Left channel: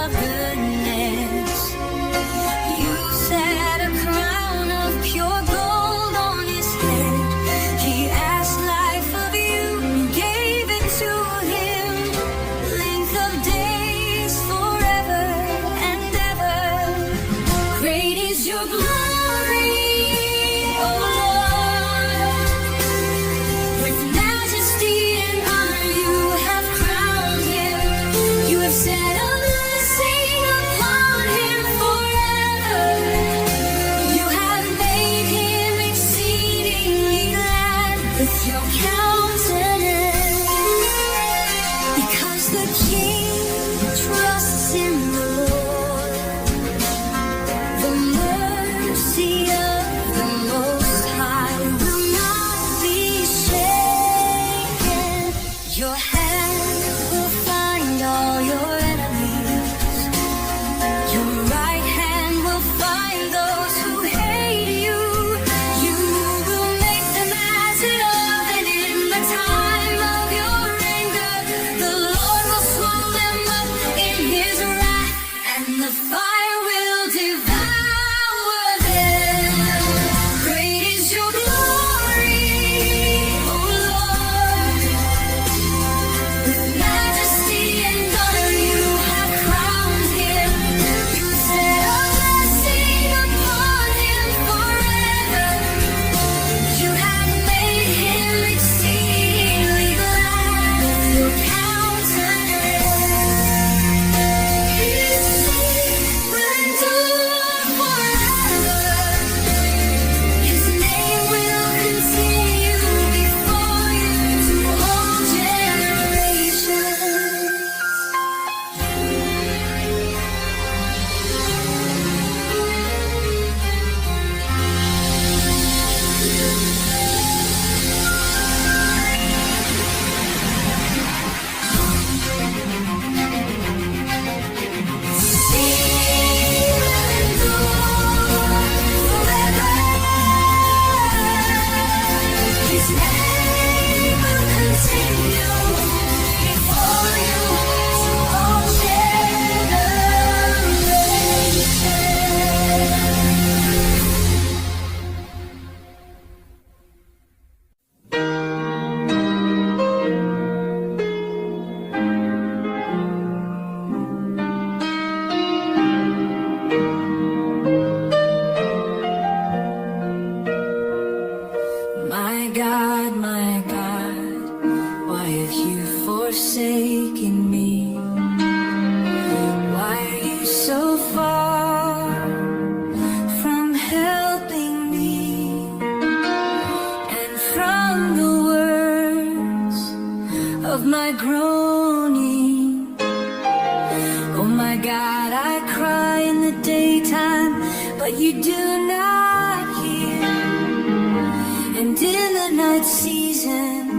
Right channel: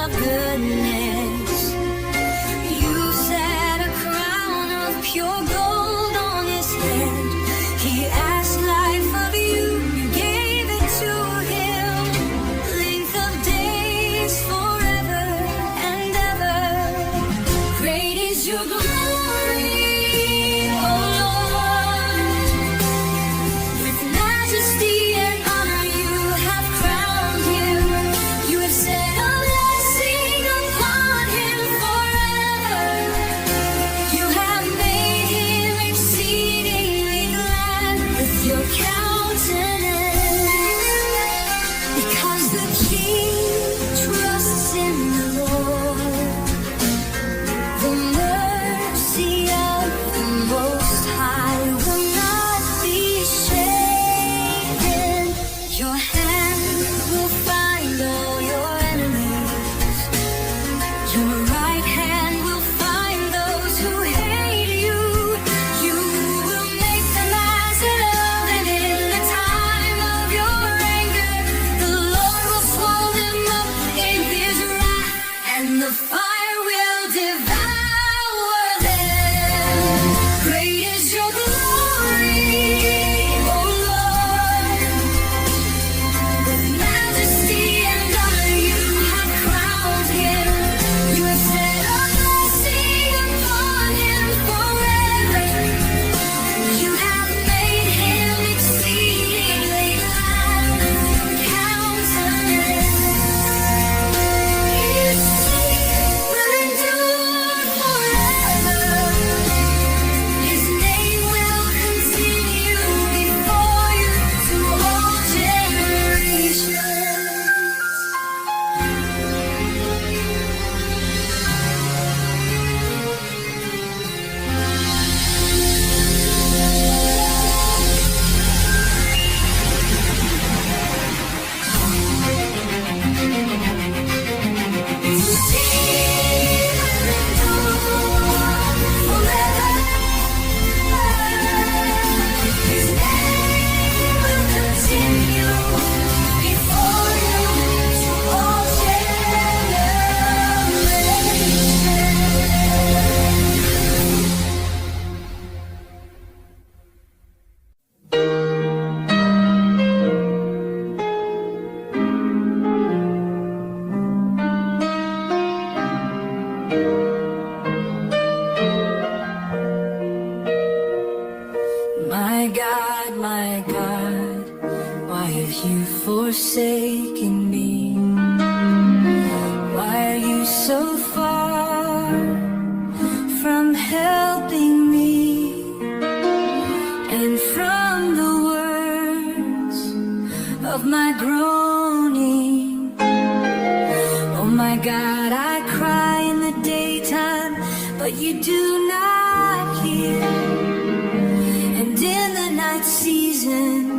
of goodness. You set a crown of pure gold on his head. He asked life of you, you gave it to him. Length of days forever and ever. Great is your glory, O Lord. With majesty and honor you have crowned him. You have set a blessing upon him forever. You have made him exceedingly glad with your countenance. Because the King trusts in the Lord. The mercy of the Most High will not be shaken. Your hand will find all your enemies. Your right hand will find those who hate you. You will make them as in love, and in the time of your anger, the Lord will swallow them up in his wrath, and the fire will devour them. Great is your glory, O Lord. With majesty and honor you have crowned him. You have set a blessing upon him forever. You have made him exceedingly glad with your countenance. His faith will endure forever. His name will continue before you to all generations. His name will continue before you to all my God, why have you forsaken me? Why are you so far from helping me? And from the words of my groaning, oh my God, I cry in the daytime, but you do not hear. And in the night season,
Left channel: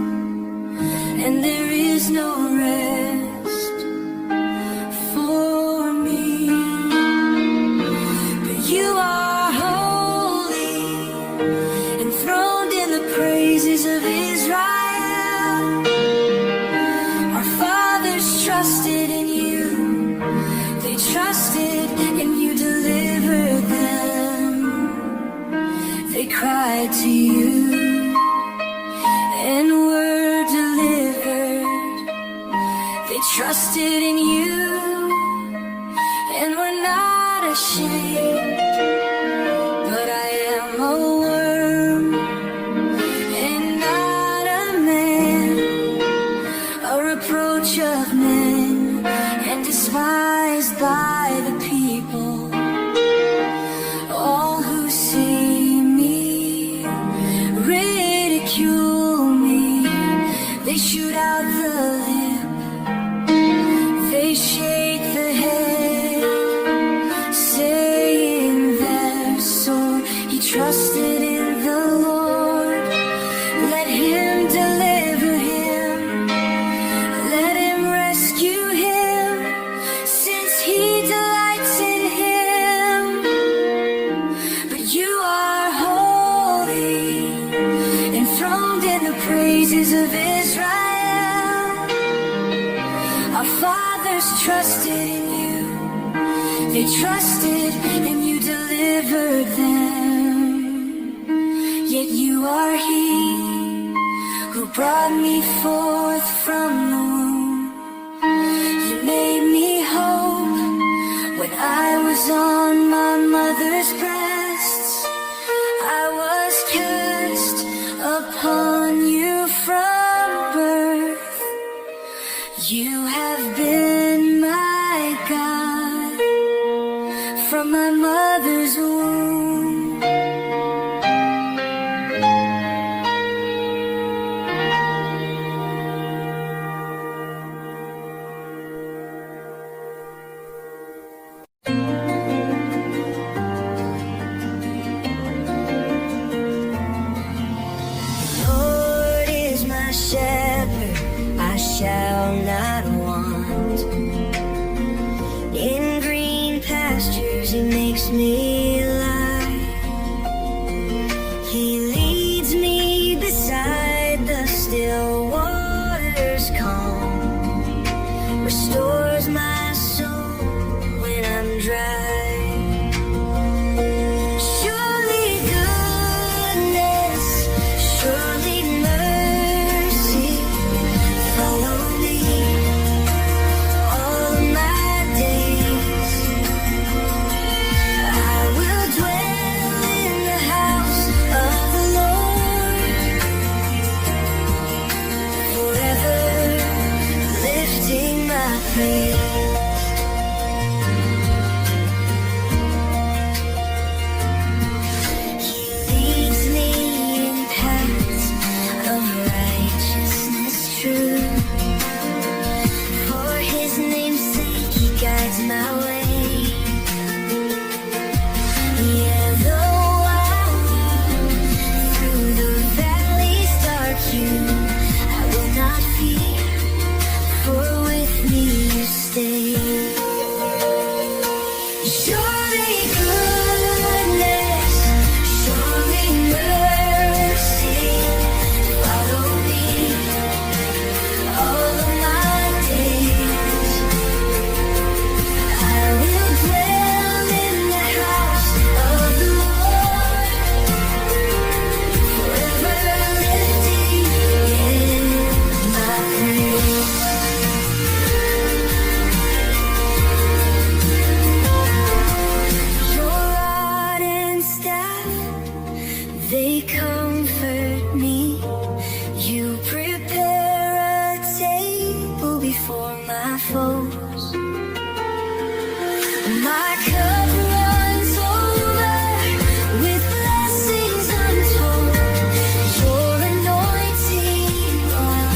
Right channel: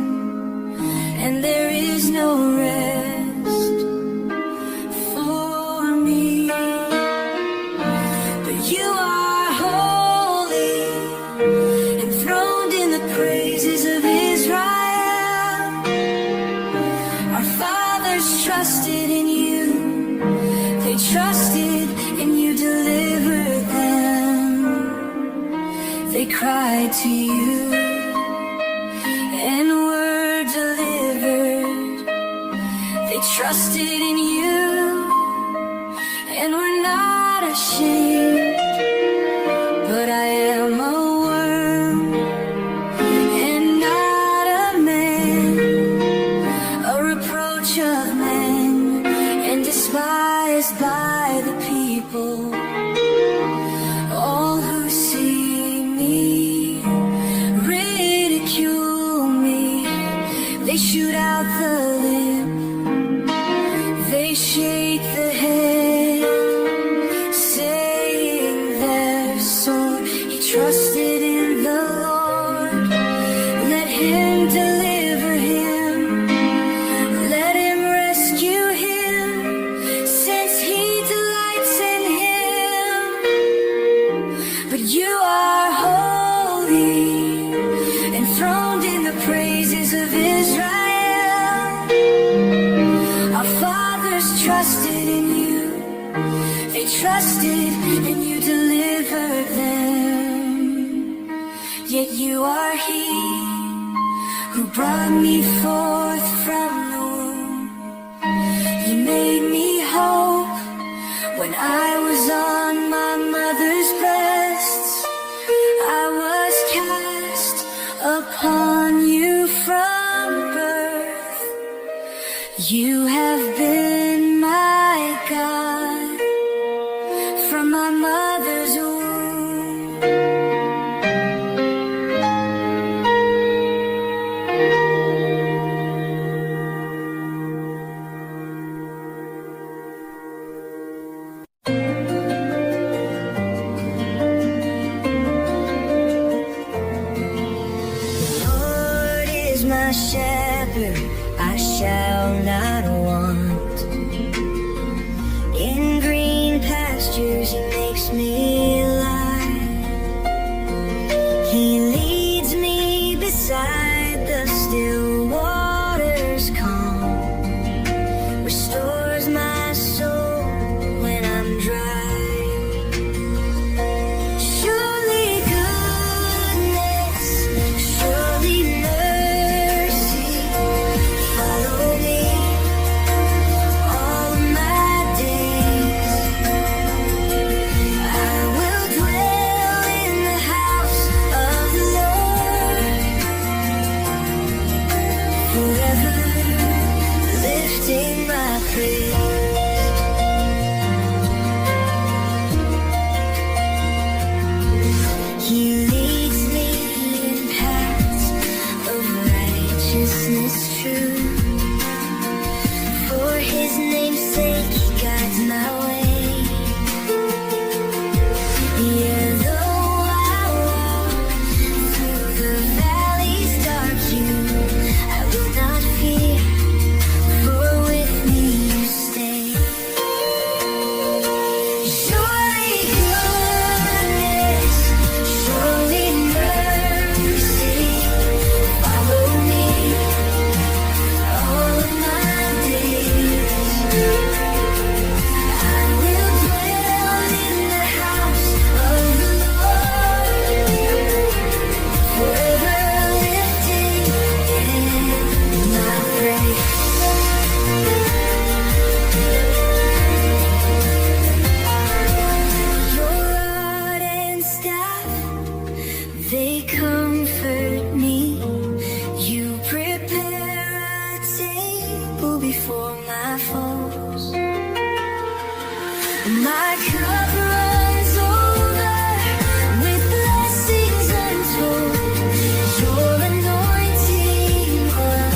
and there is no rest for me. But you are holy, enthroned in the praises of Israel. Our fathers trusted in you, they trusted and you delivered them. They cried to you and were delivered. They trusted in you and were not ashamed. But I am a worm and not a man, a reproach of men and despised by the people. All who see me ridicule me. They shoot out the lip, they shake the head, saying they're sore. He trusted in the Lord, let him deliver him, let him rescue him, since he delights in him. They trusted and you delivered them. Yet you are He who brought me forth from the womb. You made me hope when I was on my mother's breasts. I was cast upon you from birth. You have been my God from my mother's womb. Shepherd, I shall not want. In green pastures He makes me lie. He leads me beside the still waters calm. Restores my soul when I'm dry. They comfort me. You prepare a table before my foes. My cup runs over with blessings untold. Your anointing oil,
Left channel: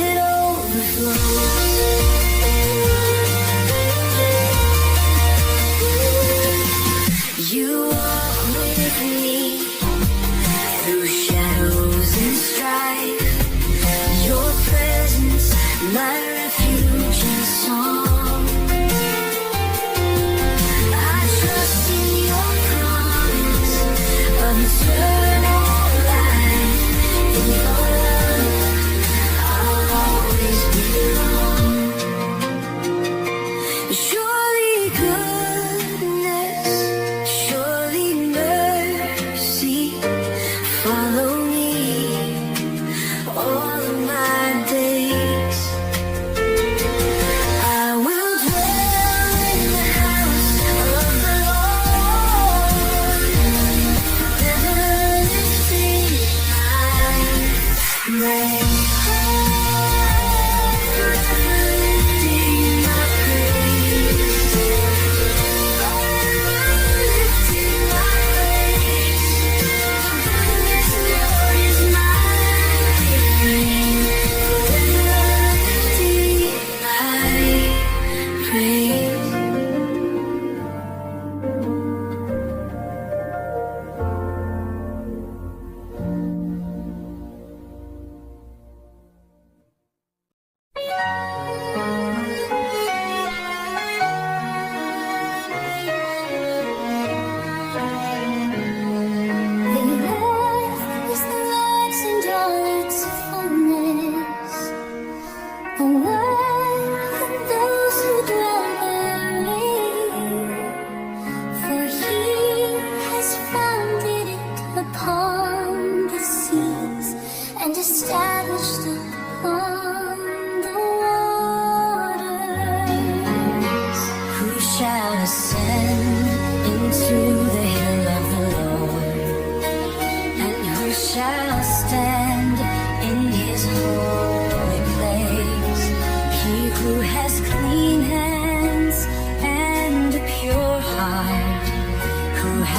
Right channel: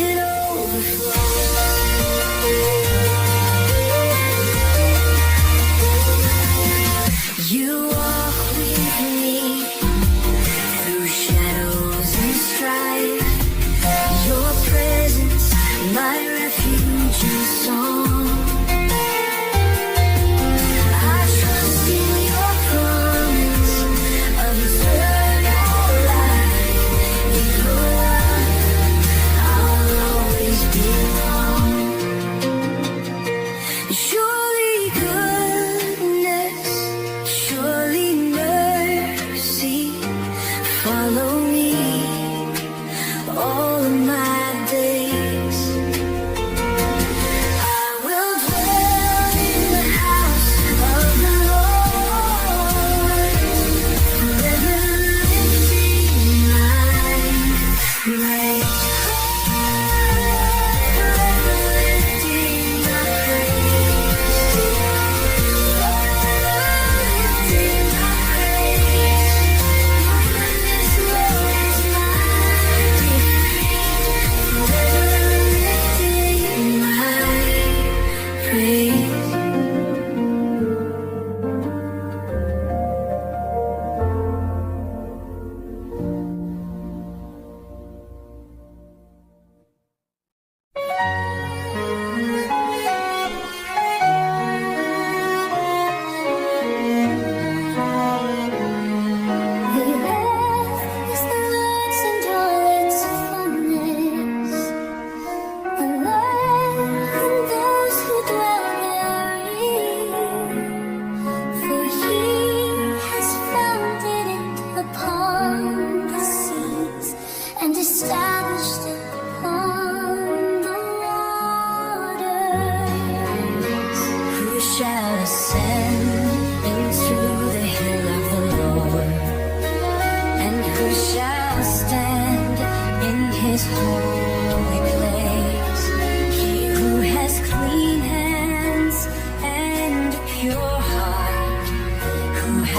it overflows. You walk with me through shadows and strife. Your presence, my refuge and song. I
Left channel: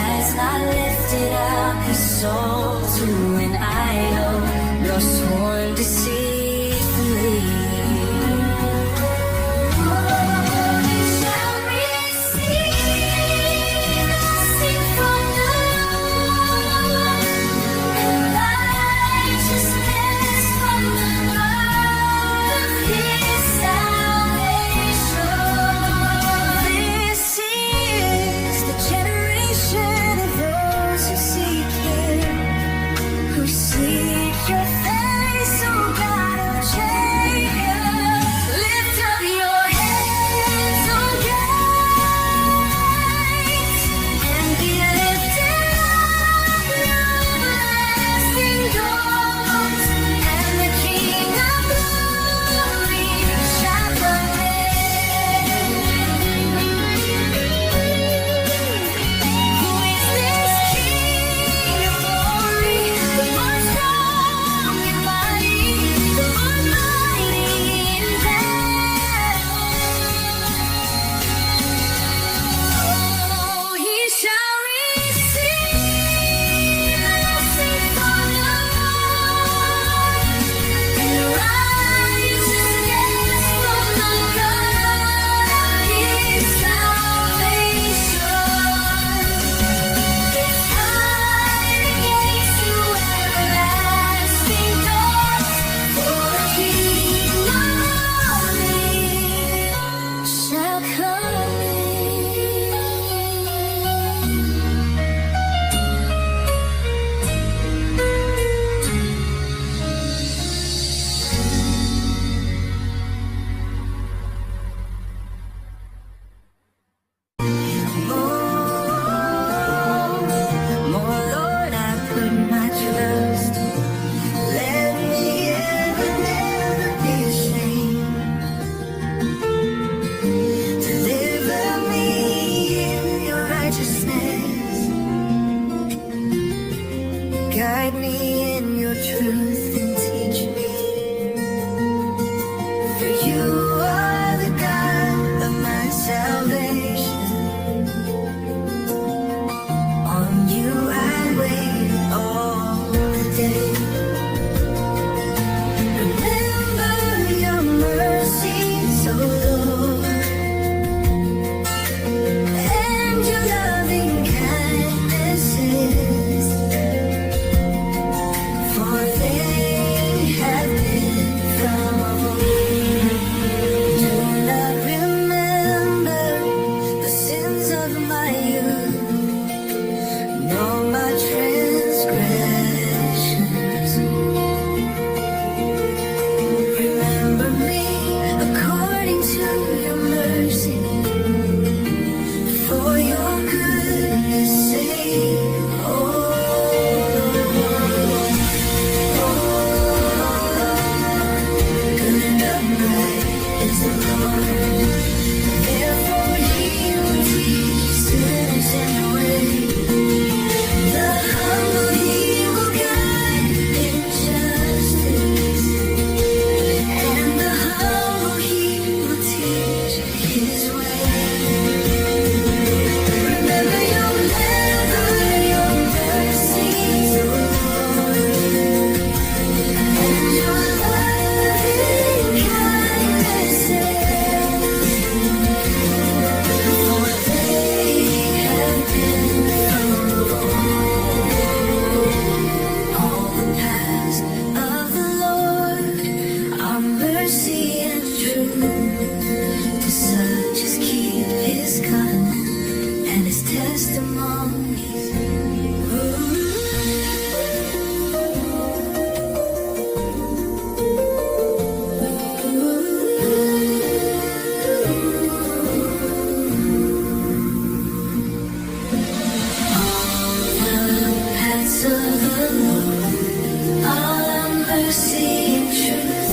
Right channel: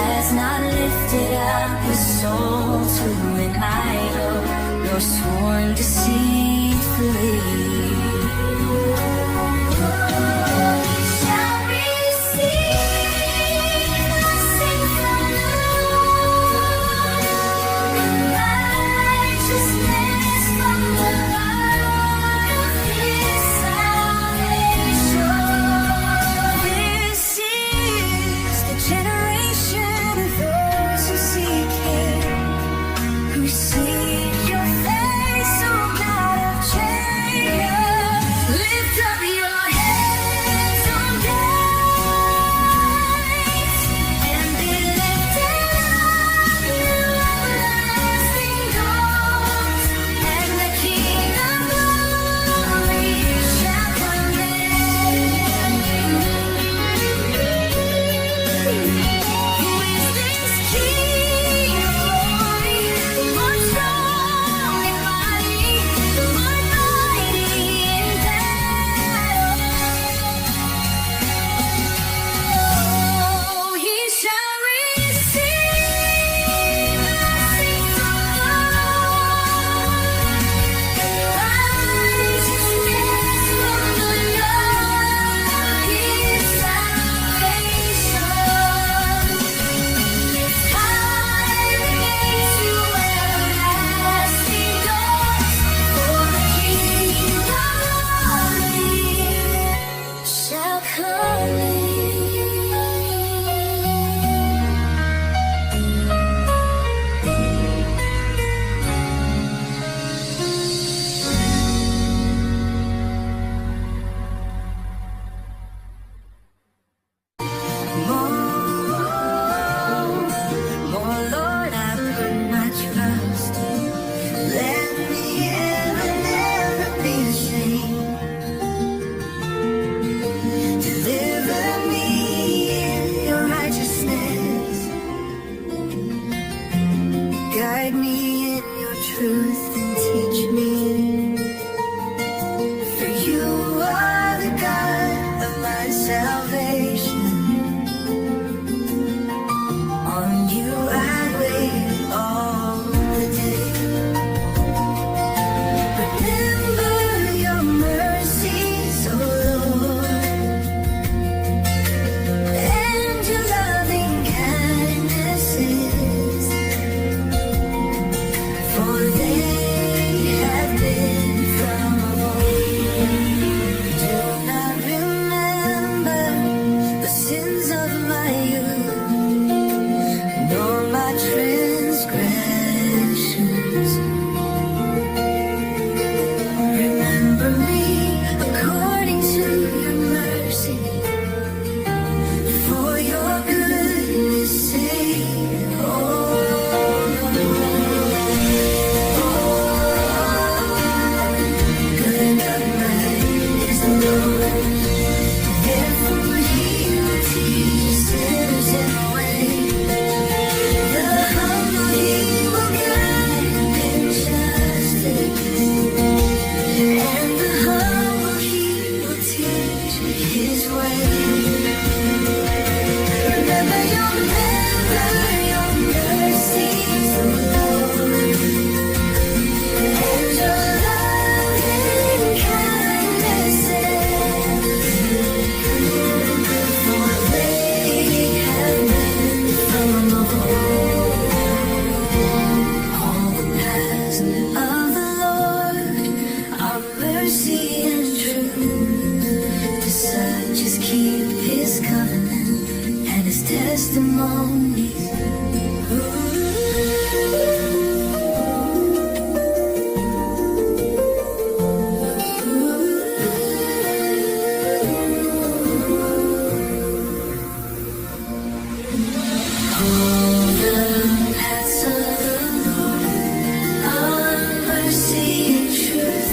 has not lifted up his soul to an idol, nor sworn deceitfully. He shall receive blessing from the Lord, and righteousness from the God of his salvation. This is the generation of those who seek him, who seek your face, O God of Jacob. Lift up your heads, O gates, and be lifted up, you everlasting doors, and the King of glory shall come in. Who is this King of glory? The Lord strong and mighty, the Lord mighty in battle. Oh, he shall receive blessing from the Lord, and righteousness from the God of his salvation. Lift high the gates to everlasting doors, for the King of glory shall come in. More, Lord, I put my trust. Let me ever, never be ashamed. Deliver me in your righteousness. Guide me in your truth and teach me. For you are the God of my salvation. On you I wait all the day. Remember your mercies, O Lord, and your loving kindnesses, for they have been from old. Do not remember the sins of my youth, nor my transgressions. Remember me according to your mercy, for your goodness' sake, oh Lord. Good and upright is the Lord, therefore he will teach sinners in the way. The humble he will guide in justice, and the humble he will teach his way. Remember your mercies, O Lord, and your loving kindnesses, for they have been from of old. All the paths of the Lord are mercy and truth to such as keep his covenant and his testimonies. All the paths of the Lord are mercy and truth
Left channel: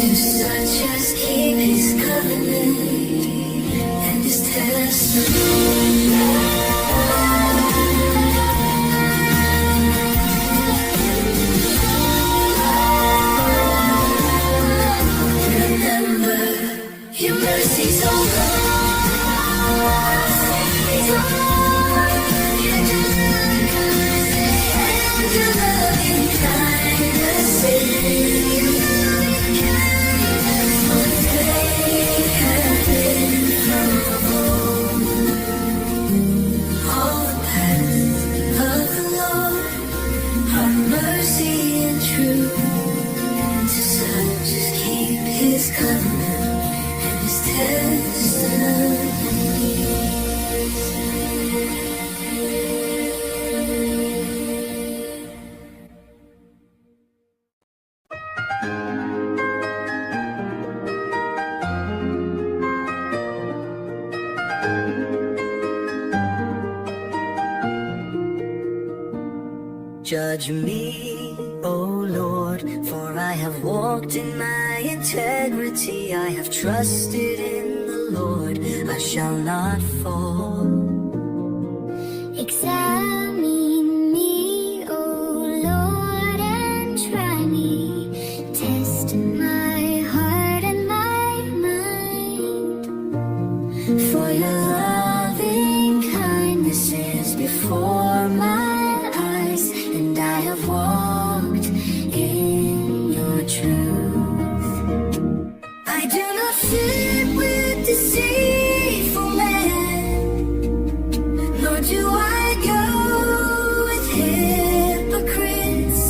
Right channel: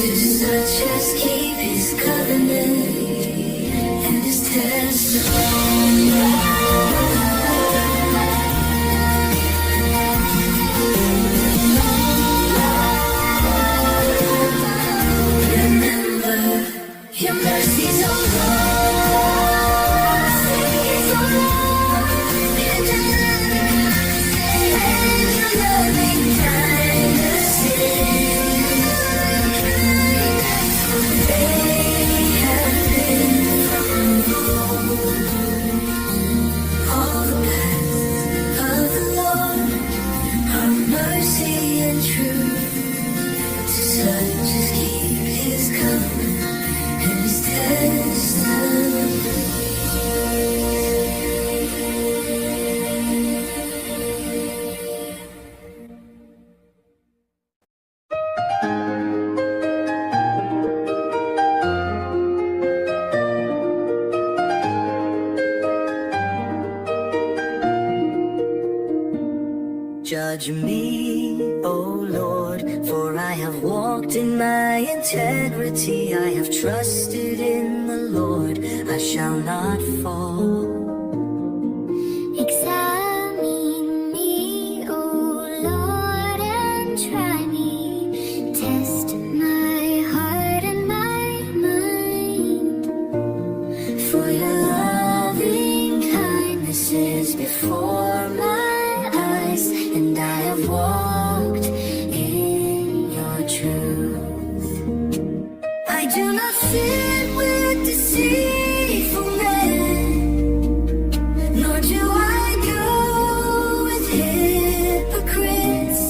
to such as keep his covenant and his testimony. Remember your mercies, O Lord. Mercies, O Lord. judge me, O Lord, for I have walked in my integrity. I have trusted in the Lord, I shall not fall. Examine me, O Lord, and try me. Test my heart and my mind. For your loving kindness is before my eyes, and I have walked in your truth. I do not sit with deceitful men, nor do I go with hypocrites.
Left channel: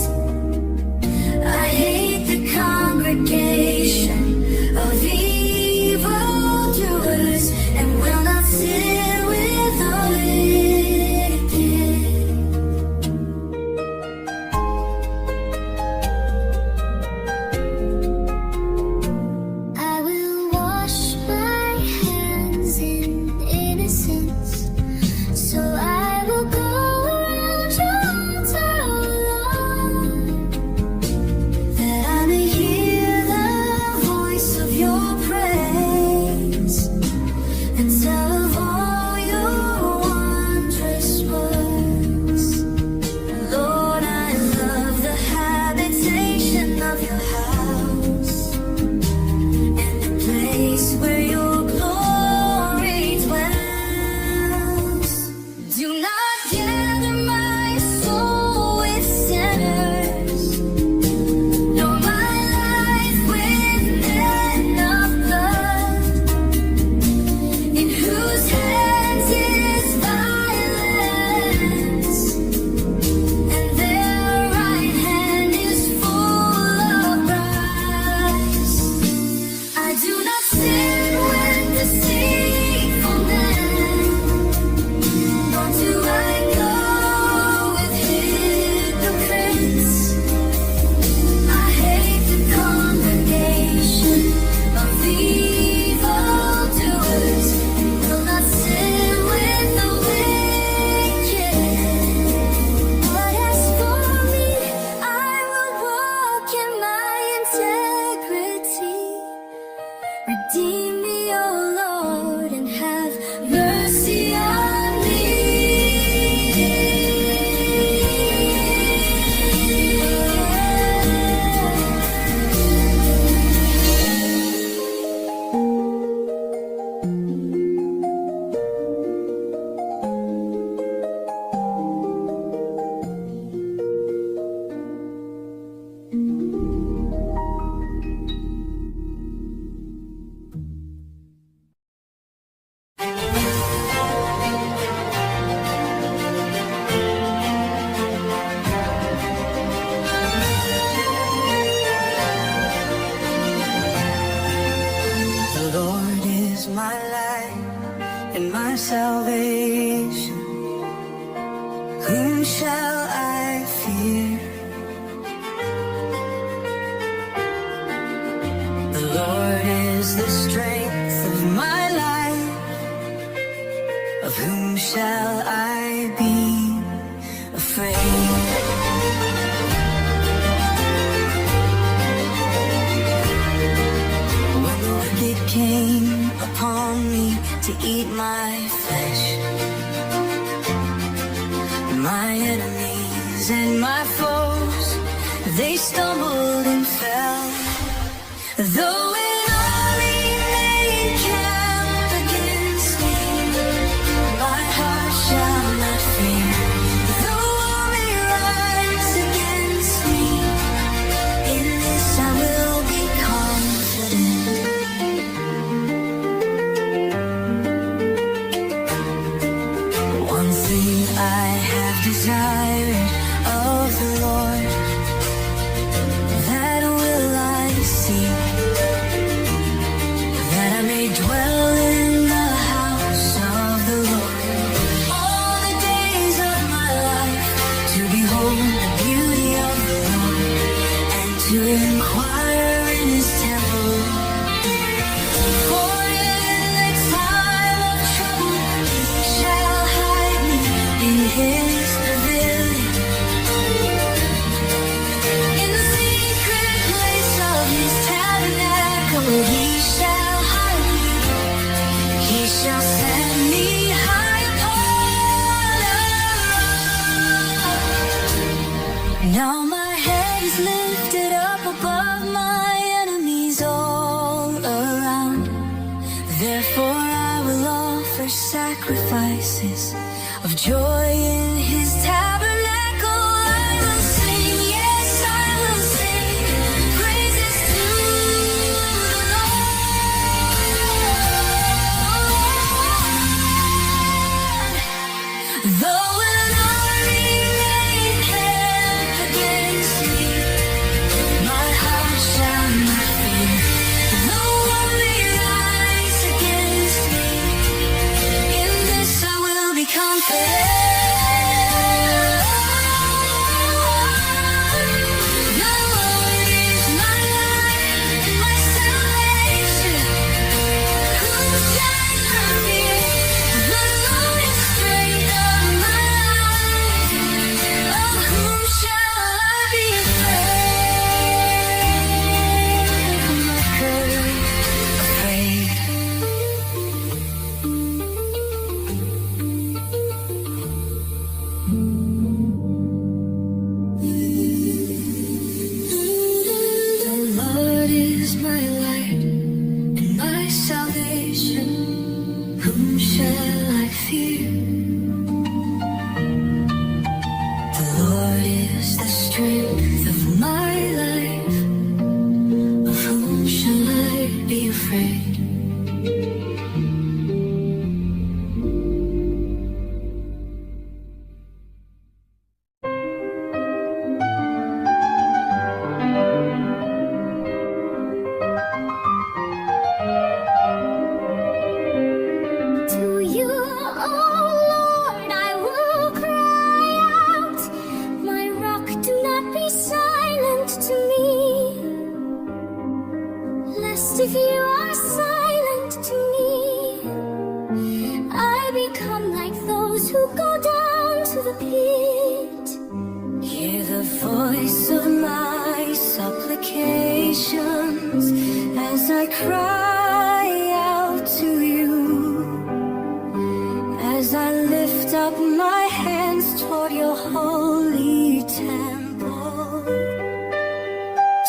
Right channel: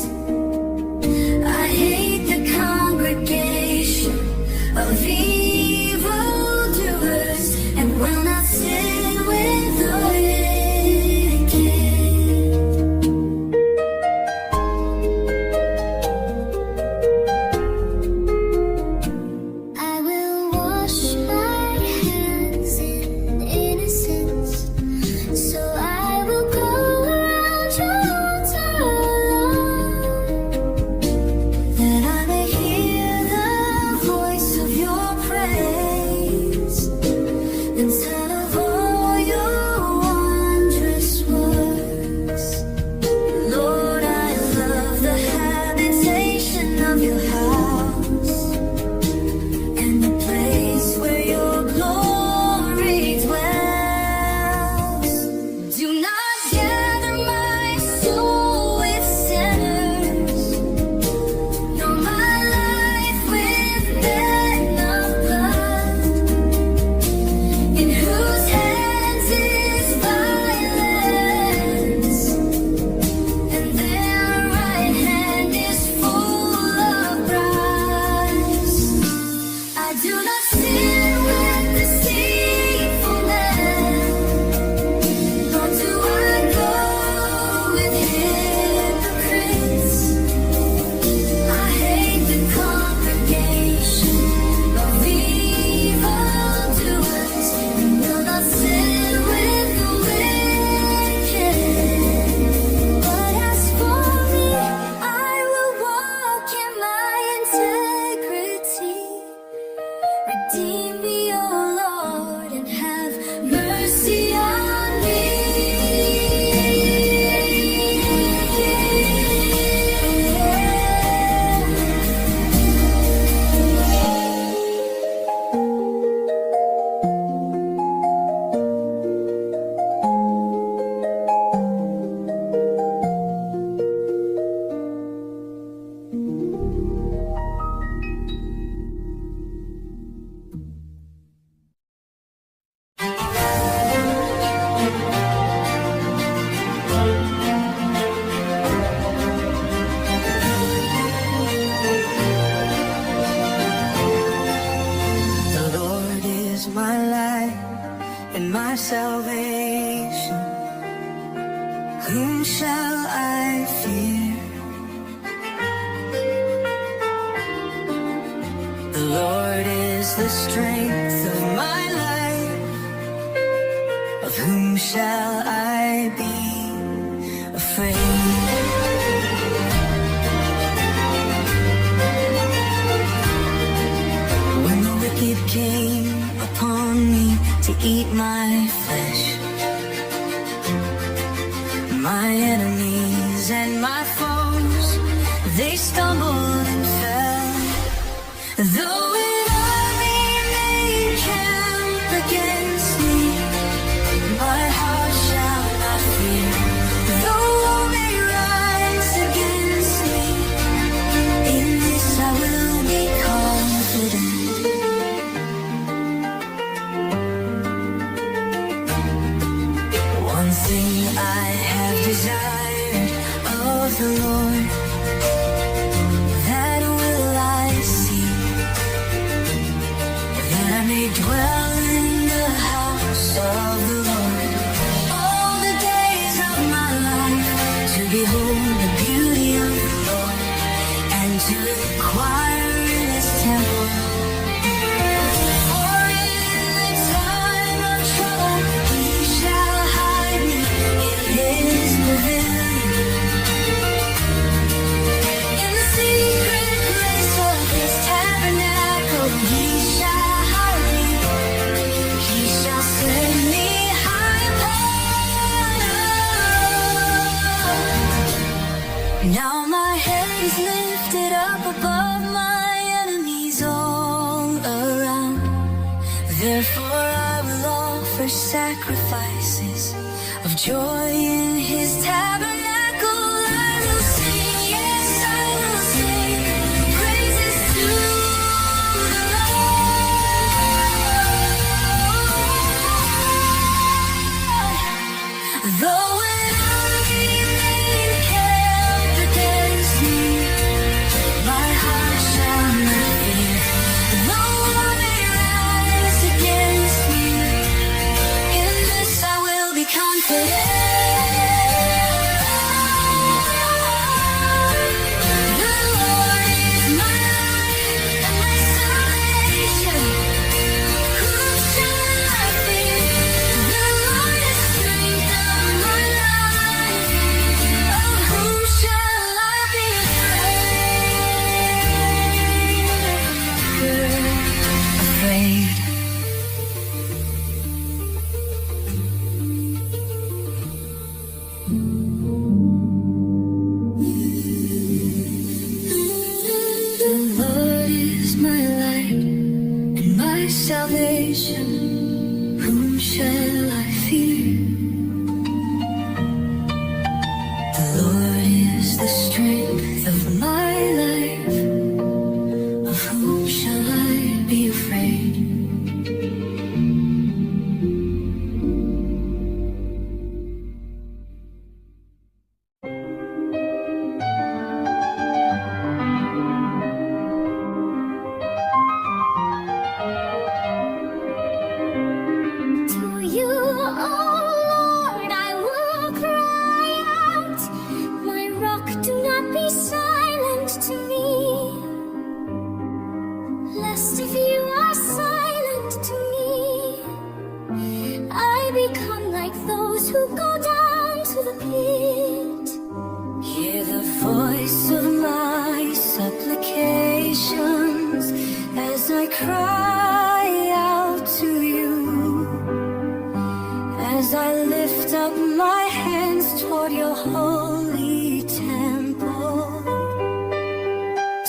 I hate the congregation of evildoers, and will not sit with the wicked. I will wash my hands in innocence, so I will go around your altar alone, that I may hear the voice of your praise and tell of all your wondrous works. Lord, I love the habitation of your house, and the place where your glory dwells. Do not gather my soul with sinners, nor my life with men of blood, in whose hands is violence, and their right hand is full of bribes. I do not sit with deceitful men, nor do I go with hypocrites. I hate the congregation of evildoers, and will not sit with the wicked. But as for me, I will walk in my integrity. Redeem me, O Lord, and have mercy on me. The Lord is my light and my salvation. Whom shall I fear? The Lord is the strength of my life. Of whom shall I be afraid? When the wicked came upon me to eat my flesh, my enemies and my foes, they stumbled and fell. Though an army may encamp against me, my heart shall not fear. Though war may rise against me, in this I will be confident. One thing I have desired of the Lord, that will I seek, is lifted up above my enemies all around. Therefore I will offer sacrifices of joy in his tabernacle. I will sing, yes, I will sing praises to the Lord. Though an army may encamp against me, my heart shall not fear. Though war may rise against me, in this I will be confident. The Lord is my light and my salvation. Whom shall I fear? The Lord is strength of my life. Of whom shall I be The Lord is my light and my salvation. Whom shall I fear? The Lord is the strength of my life. Of whom shall I be afraid? To you, oh Lord, I will cry out. My rock, do not be silent to me. Lest if you are silent to me, I become like those who go down to the pit. Hear the voice of my supplications as I cry out to you, as I lift up my hands toward your holy temple.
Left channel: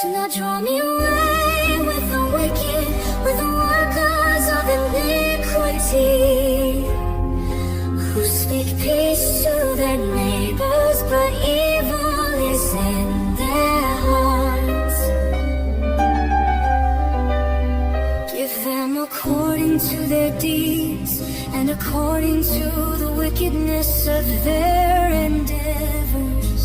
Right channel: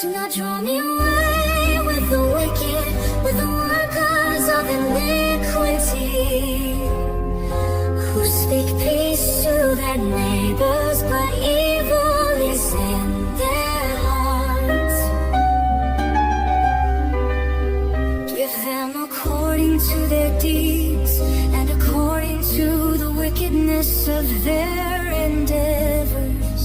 Do not draw me away with the wicked, with the workers of iniquity, who speak peace to their neighbors, but evil is in their hearts. Give them according to their deeds and according to the wickedness of their endeavors.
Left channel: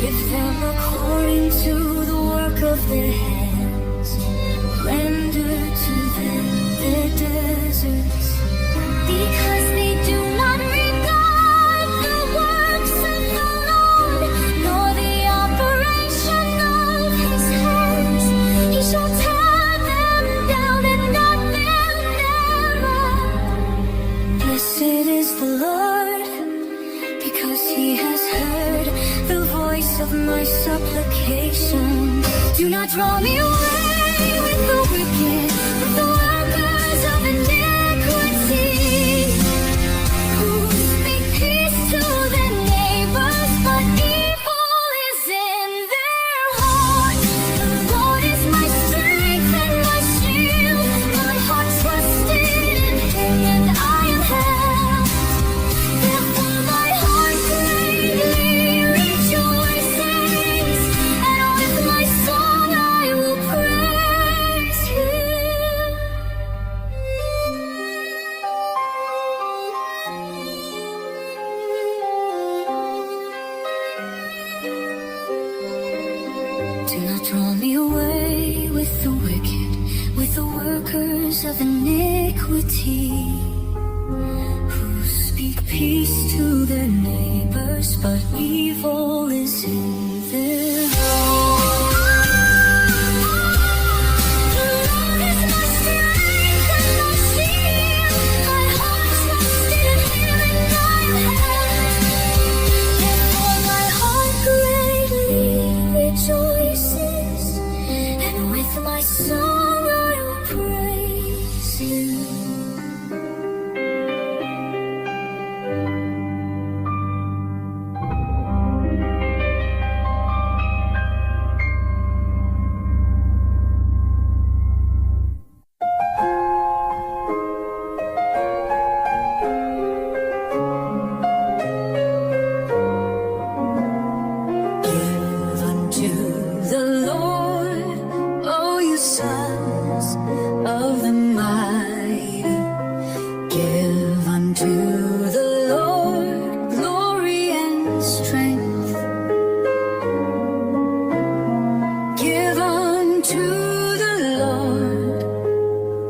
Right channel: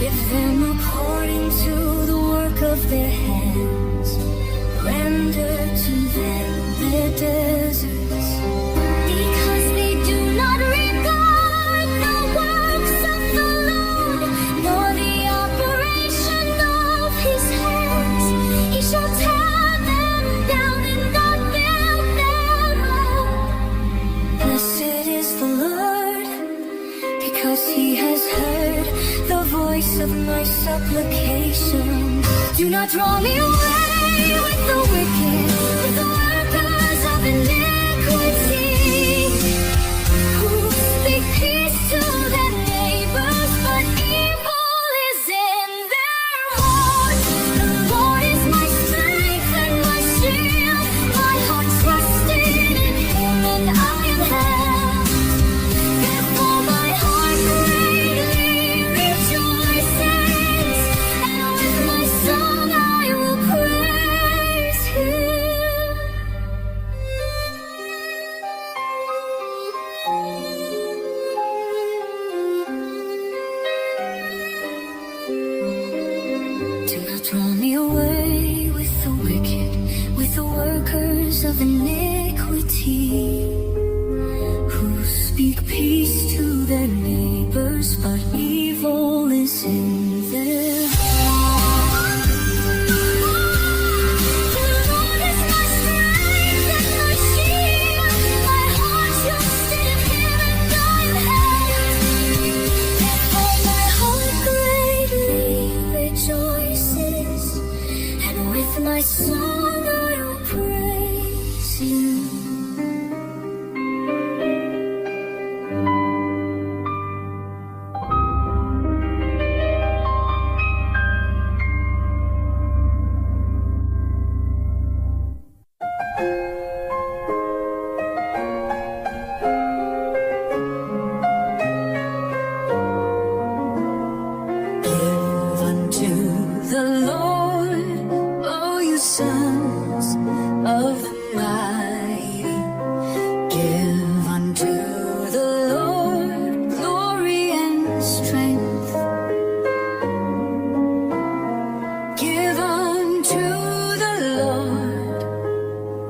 Give them according to the work of their hands. Render to them their deserts. Because they do not regard the works of the Lord, nor the operation of his hands, he shall tear them down and not build them up. Blessed is the Lord, because he has heard the voice of my supplication. Do not draw me away with the wicked, with the workers of iniquity, who speak peace to their neighbors, but evil is in their hearts. The Lord is my strength and my shield. My heart trusted in him, and I am helped. Therefore my heart greatly rejoices, and with my song I will praise him. Do not draw me away with the wicked, with the workers of iniquity, who speak peace to their neighbors, but evil is in their The Lord is my strength and my shield. My heart trusted in him, and I am helped. Therefore my heart greatly rejoices, and with my song I will praise you. Give unto the Lord glory and strength. Give unto the Lord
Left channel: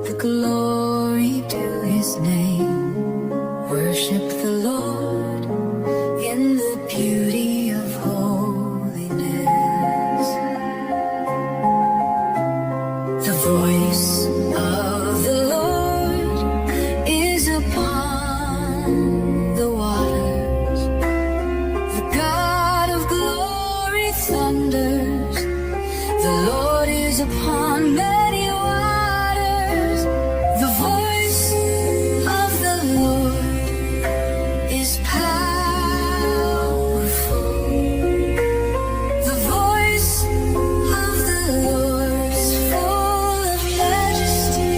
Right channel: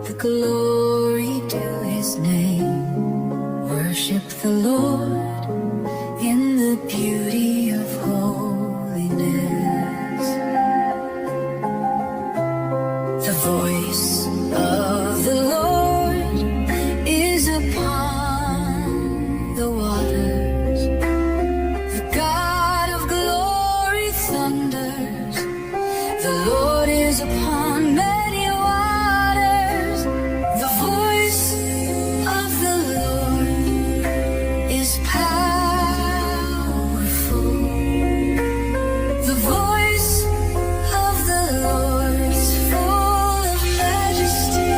the glory due his name. Worship the Lord in the beauty of holiness. The voice of the Lord is upon the waters. The God of glory thunders. The Lord is upon many waters. The voice of the Lord is powerful. The voice of the Lord is full of majesty.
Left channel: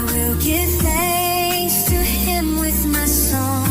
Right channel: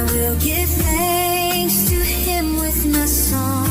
I will give thanks to him with my song.